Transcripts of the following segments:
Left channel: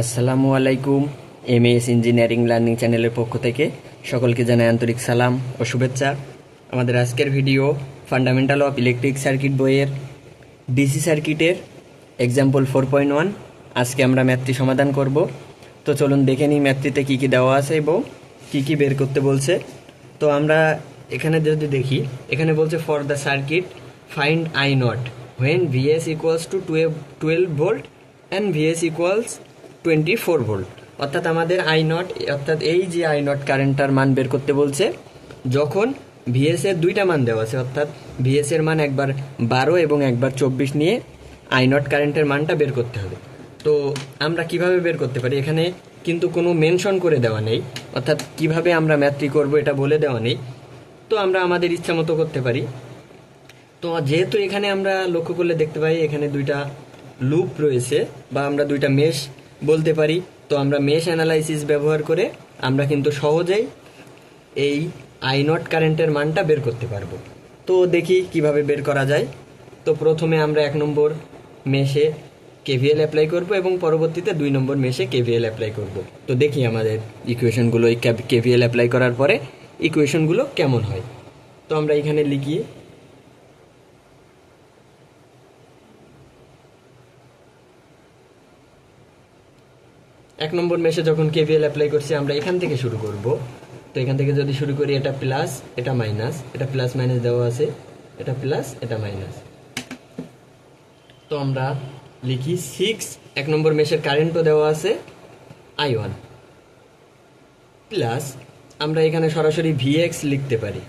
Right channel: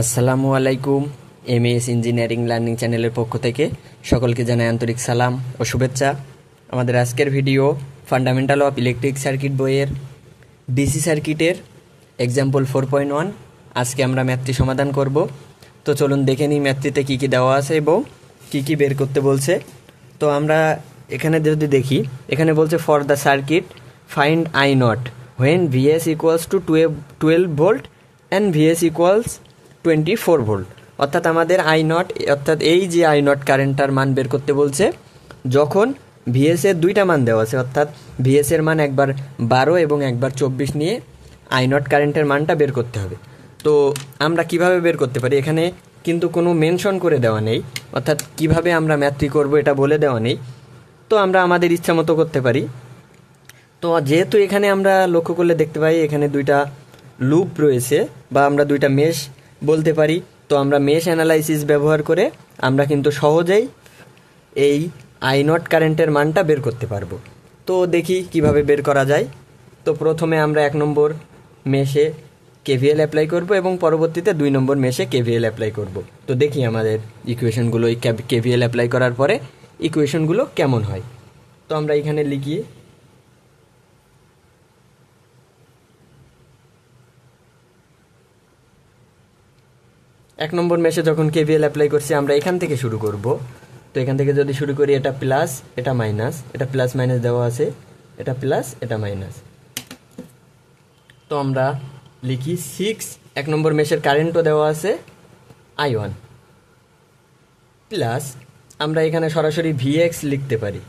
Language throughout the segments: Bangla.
আসসালামু আলাইকুম। এমএস ইঞ্জিনিয়ারিং লার্নিং চ্যানেলের পক্ষ থেকে সকলকে জানাই আন্তরিক সালাম ও শুভেচ্ছা। আমাদের আজকের video fundamental of electric circuit বইয়ের ডিসি সার্কিটের এক্সাম্পল 4.1। আজকে আমরা ম্যাথটি সমাধান করব। তো চলুন দেখে নিই ম্যাথটিতে কী কী দেওয়া আছে এবং কী কী বের করতে বলছে। তো আমরা এখানে যদি দেখি, এখানে বলছে for the circuit find I not when Vs equals to 12 volt and Vs equals 24 volt. অর্থাৎ আমাদের আই নট, অর্থাৎ এই যে আই নট কারেন্টটার মান বের করতে বলছে যখন ভিএস এর দুইটা মান দেওয়া আছে, অর্থাৎ ভিএস এর মান একবার 12 এবং একবার 24 নিয়ে আই নট কারেন্টের মানটা বের করতে হবে। তো আমরা কিভাবে বের করতে পারি, এখানে কিন্তু কোনো মেনশন করে দেওয়া নেই, অর্থাৎ কিভাবে আমরা ম্যাথটি করব এটা বলে দেওয়া নেই। তো আমরা আমাদের ইচ্ছা মতো করতে পারি। তো যেহেতু এখানে আমরা লক্ষ্য করলে দেখতে পাই এখানে দুইটা লুপ রয়েছে বা আমরা দুইটা মেশ বলতে পারি। তো আমরা মেশ অ্যানালাইসিস ব্যবহার করে আমরা কিন্তু সহজেই এই আই নট কারেন্টের মানটা বের করতে পারবো। তো দেখি কিভাবে বের করা যায়। তো প্রথমে আমরা 1 নম্বর মেশে কেভিএল অ্যাপ্লাই করব এবং পরবর্তীতে 2 নম্বর মেশে কেভিএল অ্যাপ্লাই করব। তো দেখি আমাদের ইকুয়েশনগুলো এই কেভিএল অ্যাপ্লাই করার পরে ইকুয়েশনগুলো কেমন হয়। তো আমরা এখানে লিখি এক নম্বর মেশে যখন কেভিএল অ্যাপ্লাই করছি আমরা এখান থেকে শুরু করব। তো এখান থেকে যদি শুরু করি, এটা প্লাস, এটা মাইনাস, এটা প্লাস মাইনাস দেওয়া আছে, এটা প্লাস, এটা মাইনাস। তো আমরা লিখি 6, 1 নম্বর মেশের কারেন্টও দেওয়া আছে I1 প্লাস, আমরা এখানে সরাসরি ভিএক্স লিখতে পারি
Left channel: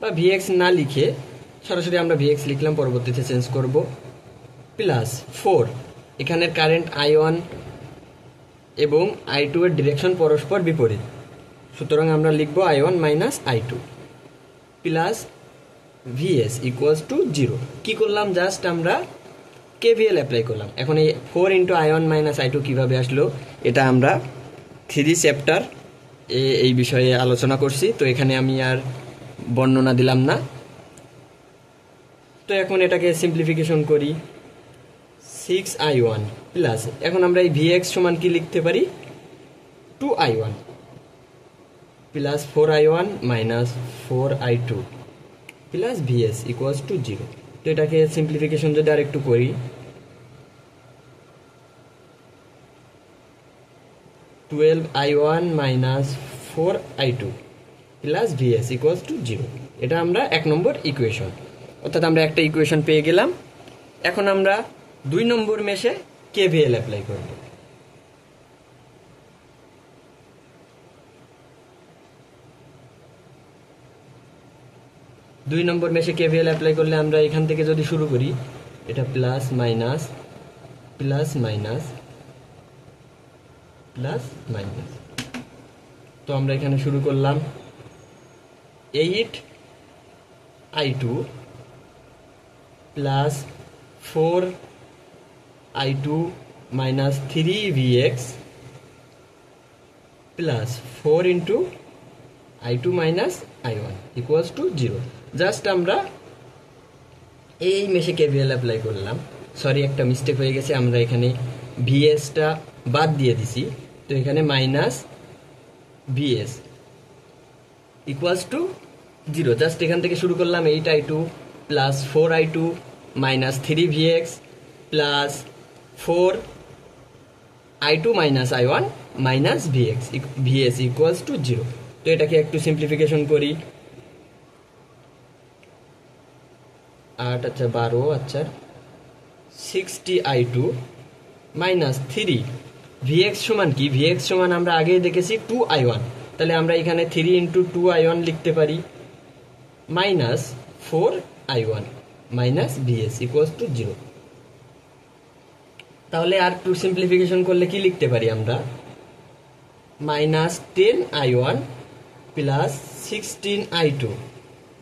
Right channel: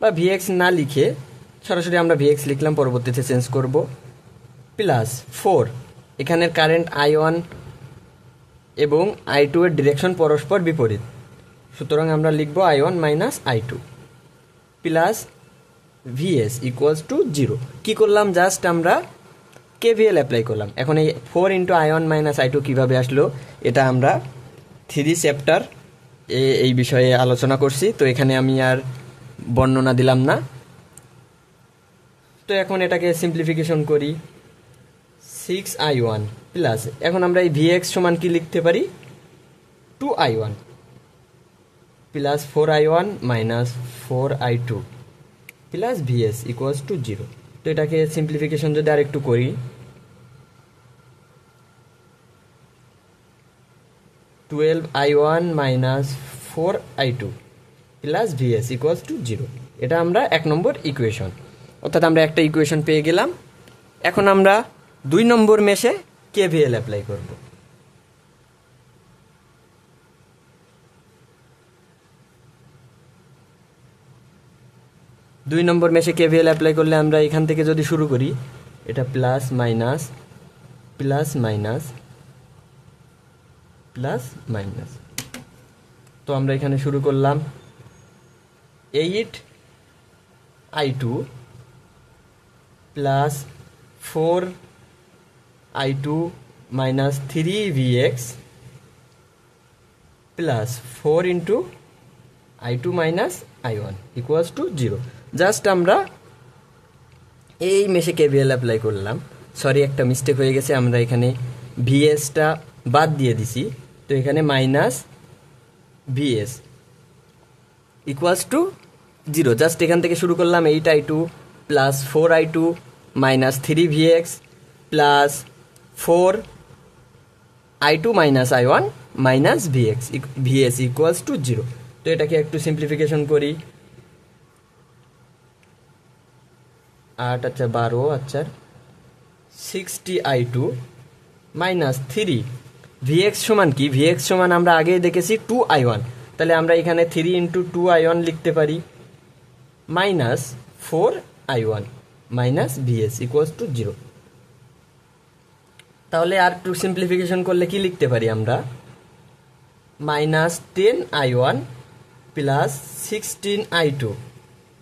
বা ভিএক্স না লিখে সরাসরি আমরা ভিএক্স লিখলাম, পরবর্তীতে চেঞ্জ করব, প্লাস 4, এখানের কারেন্ট I1 এবং I2 এর ডিরেকশন পরস্পর বিপরীত, সুতরাং আমরা লিখব I1 minus I2 plus Vs equals to 0। কি করলাম, জাস্ট আমরা কেভিএল অ্যাপ্লাই করলাম। এখন এই 4 ইন্টু I1 মাইনাস I2 কীভাবে আসলো, এটা আমরা 3 চ্যাপ্টার এই বিষয়ে আলোচনা করছি, তো এখানে আমি আর বর্ণনা দিলাম না। তো এখন এটাকে সিম্পলিফিকেশন করি, 6I1 প্লাস, এখন আমরা এই Vx সমান কি লিখতে পারি, 2I1 plus 4I1 minus 4I2 plus Vs equals to 0। তো এটাকে সিম্পলিফিকেশন যদি আরেকটু করি, 12I1 minus 4I2 plus Vs equals to 0। এটা আমরা 1 নম্বর ইকুয়েশন, অর্থাৎ আমরা একটা ইকুয়েশন পেয়ে গেলাম। এখন আমরা 2 নম্বর মেশে কেভিএল অ্যাপ্লাই করব। দুই নম্বর মেশে কেভিএল অ্যাপ্লাই করলে আমরা এখান থেকে যদি শুরু করি, এটা plus minus plus minus plus minus. তো আমরা এখানে শুরু করলাম 8I2 plus 4I2 minus 3Vx plus 4 into I2 minus I1 equals to 0। Just আমরা এই মেশে কেভিএল অ্যাপ্লাই করলাম। সরি, একটা মিস্টেক হয়ে গেছে, আমরা এখানে ভিএসটা বাদ দিয়ে দিছি। তো এখানে minus VS equals to 0। Just এখান থেকে শুরু করলাম 8I2 plus 4I2 minus 3Vx plus 4I2 minus I1 minus Vs equals to 0। তো এটাকে একটু সিম্পলিফিকেশন করি, 8 আচ্ছা 12 আচ্ছা 60I2 মাইনাস 3Vx সমান কি, Vx সমান আমরা আগেই দেখেছি 2I1, তাহলে আমরা এখানে 3 ইন্টু 2I1 লিখতে পারি minus 4I1 minus Vs equals to 0। তাহলে আর একটু সিম্পলিফিকেশন করলে কি লিখতে পারি আমরা, minus 10I1 plus 16I2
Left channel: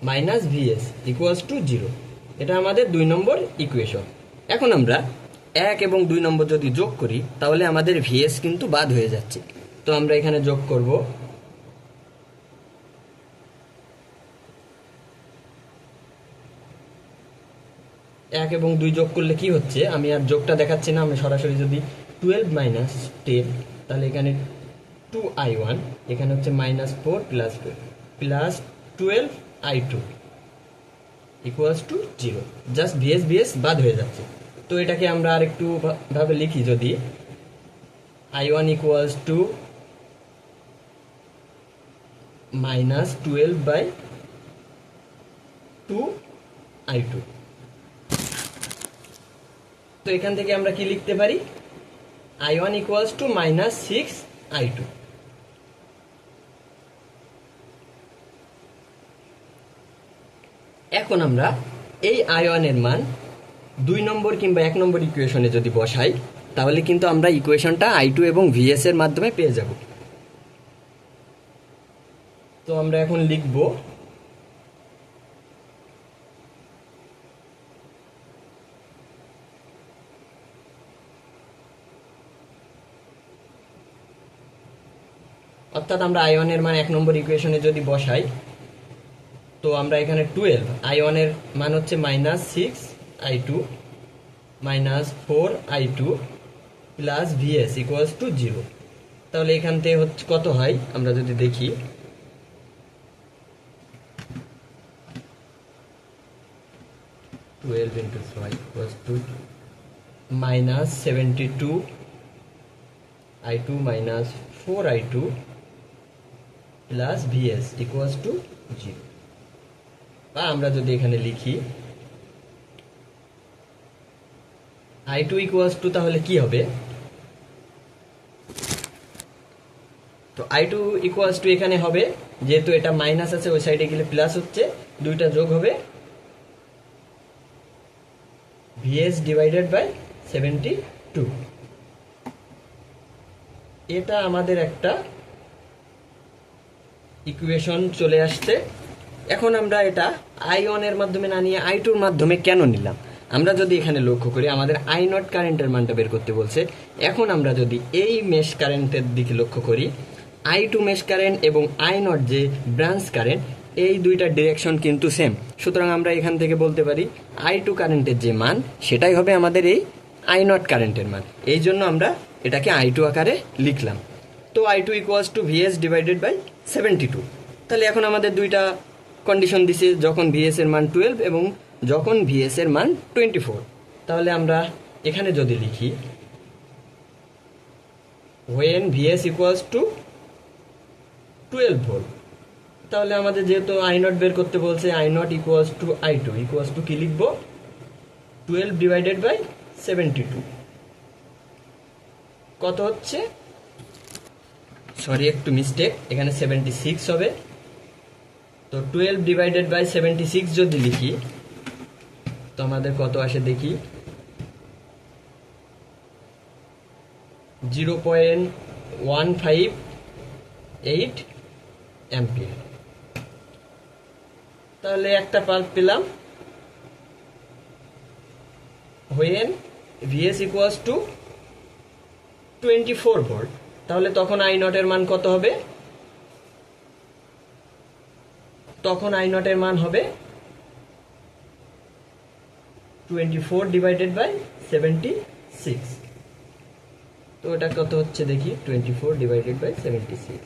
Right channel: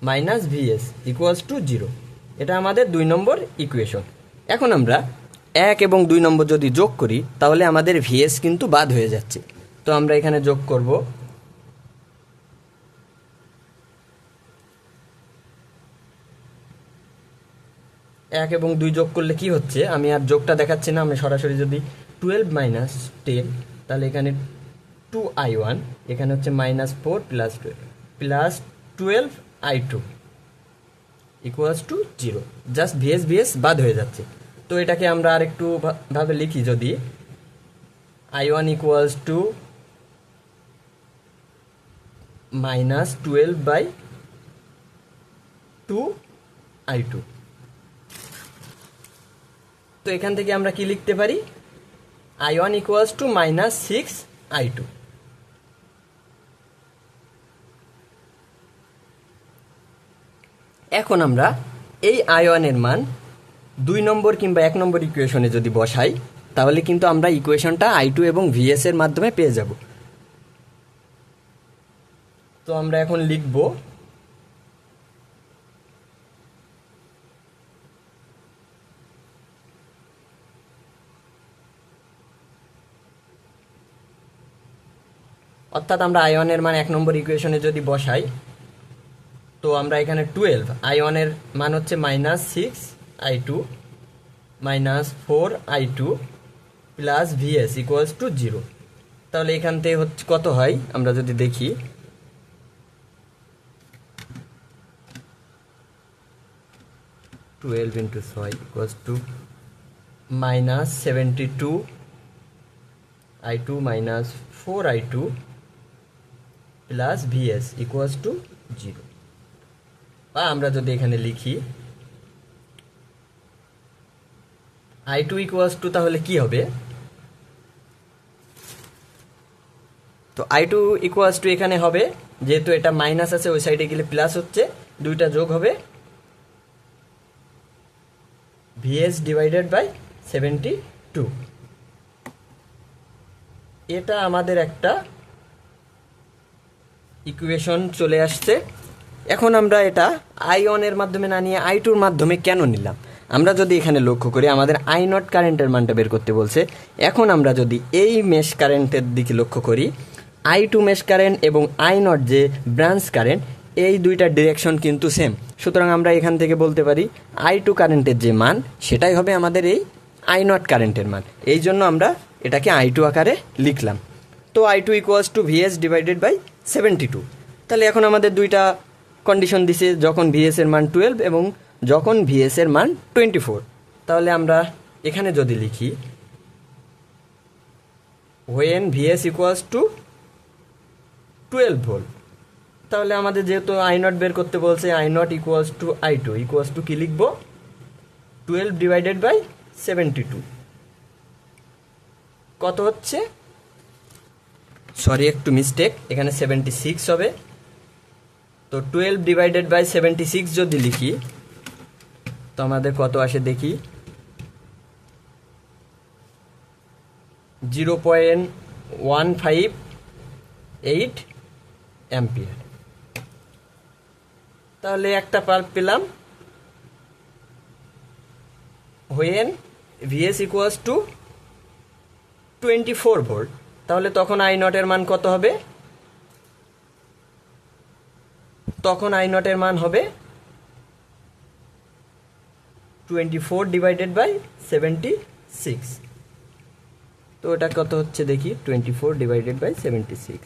minus Vs equals to 0। এটা আমাদের 2 নম্বর ইকুয়েশন। এখন আমরা 1 এবং 2 নম্বর যদি যোগ করি তাহলে আমাদের Vs কিন্তু বাদ হয়ে যাচ্ছে। তো আমরা এখানে যোগ করব, 1 এবং 2 যোগ করলে কি হচ্ছে, আমি আর যোগটা দেখাচ্ছি না, আমি সরাসরি যদি 12 মাইনাস 10, তাহলে এখানে 2i1, এখানে হচ্ছে -4 plus 12i2 equals to 0। Just VS বাদ হয়ে যাচ্ছে। তো এটাকে আমরা আরেকটু ভাবে লিখি, যদি i1 ইকুয়ালস টু -12/2i2। তো এখান থেকে আমরা কি লিখতে পারি, i1 ইকুয়ালস টু -6i2। এখন আমরা এই i1 এর মান 2 নম্বর কিংবা 1 নম্বর ইকুয়েশনে যদি বসাই, তাহলে কিন্তু আমরা ইকুয়েশনটা i2 এবং vs এর মাধ্যমে পেয়ে যাব। তো আমরা এখন লিখব অর্থাৎ আমরা i1 এর মান 1 নম্বর ইকুয়েশনে যদি বসাই, তো আমরা এখানে 12, i1 এর মান হচ্ছে -6i2 -4i2 plus vs equals to 0। তাহলে এখান থেকে হচ্ছে কত হয়, আমরা যদি দেখি, -12 × 6 equals to -72i2 -4i2 plus vs equals to 0। বা আমরা যদি এখানে লিখি i2 ইকুয়ালস টু, তাহলে কি হবে, তো i2 ইকুয়ালস টু এখানে হবে, যেহেতু এটা মাইনাস আছে ওই সাইডে গেলে প্লাস হচ্ছে, দুইটা যোগ হবে vs ডিভাইডেড বাই 72। এটা আমাদের একটা ইকুয়েশন চলে আসছে। এখন আমরা এটা i1 এর মাধ্যমে না নিয়ে i2 এর মাধ্যমে কেন নিলাম, আমরা যদি এখানে লক্ষ্য করি, আমাদের i0 কারেন্টের মানটা বের করতে বলছে। এখন আমরা যদি এই মেশ কারেন্টের দিকে লক্ষ্য করি, i2 মেশ কারেন্ট এবং i0 যে ব্রাঞ্চ কারেন্ট, এই দুইটা ডিরেকশন কিন্তু সেম। সুতরাং আমরা এখান থেকে বলতে পারি i2 কারেন্টের যে মান, সেটাই হবে আমাদের এই i0 কারেন্টের মান। এই জন্য আমরা এটাকে i2 আকারে লিখলাম। তো i2 equals to vs divided by 72। তাহলে এখন আমাদের দুইটা কন্ডিশন দিছে, যখন vs এর মান 12 এবং যখন vs এর মান 24। তাহলে আমরা এখানে যদি লিখি when vs equals two 12 volt, তাহলে আমাদের যেহেতু i0 বের করতে বলছে, i0 equals to i2 equals two কি লিখবো, 12 ডিভাইডেড বাই 72। কত হচ্ছে, সরি একটু মিস্টেক, এখানে 76 হবে। তো 12 ডিভাইডেড বাই 76 যদি লিখি, তো আমাদের কত আসে দেখি, 0.158 অ্যাম্পিয়ার। তাহলে একটা পাল্প পেলাম when vs equals two 24 volt. তাহলে তখন i0 এর মান কত হবে, তখন i0 এর মান হবে 24 ডিভাইডেড বাই 76। তো এটা কত হচ্ছে দেখি, 24 ডিভাইডেড বাই 76,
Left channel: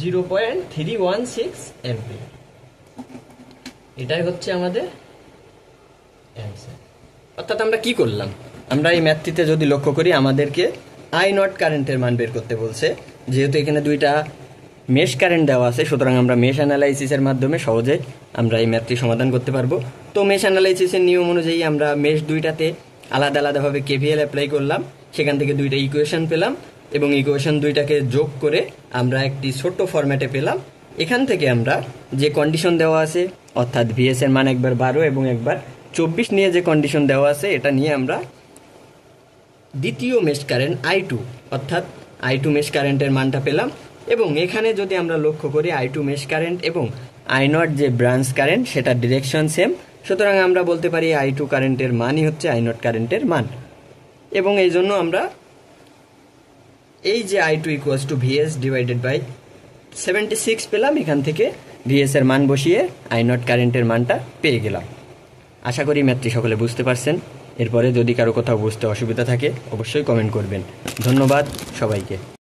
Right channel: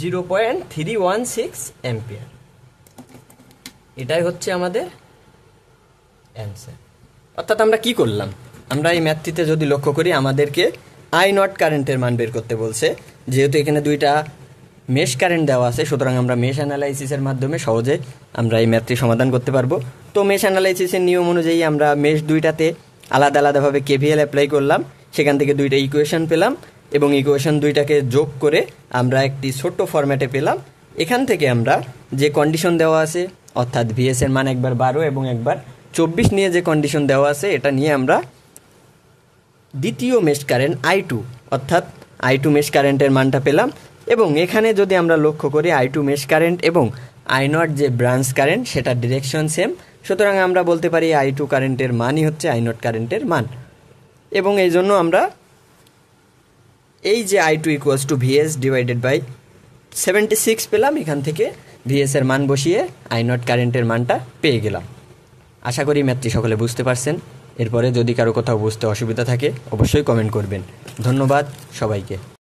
0.316 অ্যাম্পিয়ার। এটাই হচ্ছে আমাদের অ্যান্সার। অর্থাৎ আমরা কি করলাম, আমরা এই ম্যাথটিতে যদি লক্ষ্য করি, আমাদেরকে i0 কারেন্টের মান বের করতে বলছে। যেহেতু এখানে দুইটা মেশ কারেন্ট দেওয়া আছে, সুতরাং আমরা মেশ অ্যানালাইসিসের মাধ্যমে সহজে আমরা এই ম্যাথটি সমাধান করতে পারবো। তো মেশ অ্যানালাইসিসের নিয়ম অনুযায়ী আমরা মেশ দুইটাতে আলাদা আলাদাভাবে কেভিএল অ্যাপ্লাই করলাম, সেখান থেকে দুইটা ইকুয়েশন পেলাম এবং ইকুয়েশন দুইটাকে যোগ করে আমরা একটি ছোট্ট ফরম্যাটে পেলাম। এখান থেকে আমরা যে কন্ডিশন দেওয়া আছে, অর্থাৎ ভিএস এর মান একবার 12 এবং একবার 24 নিয়ে যে কন্ডিশন দেওয়া আছে, এটা নিয়ে আমরা দ্বিতীয় মেশ কারেন্ট i2 অর্থাৎ i2 মেশ কারেন্টের মানটা পেলাম। এবং এখানে যদি আমরা লক্ষ্য করি, i2 মেশ কারেন্ট এবং i0 যে ব্রাঞ্চ কারেন্ট, সেটা ডিরেকশন সেম। সুতরাং আমরা বলতে পারি i2 কারেন্টের মানই হচ্ছে i0 কারেন্টের মান। এবং এই জন্য আমরা এই যে i2 equals to vs divided by 76 পেলাম, এখান থেকে ভিএস এর মান বসিয়ে আই নট কারেন্টের মানটা পেয়ে গেলাম। আশা করি ম্যাথটি সকলে বুঝতে পারছেন। এরপরে যদি কারো কোথাও বুঝতে অসুবিধা থাকে অবশ্যই কমেন্ট করবেন। ধন্যবাদ সবাইকে।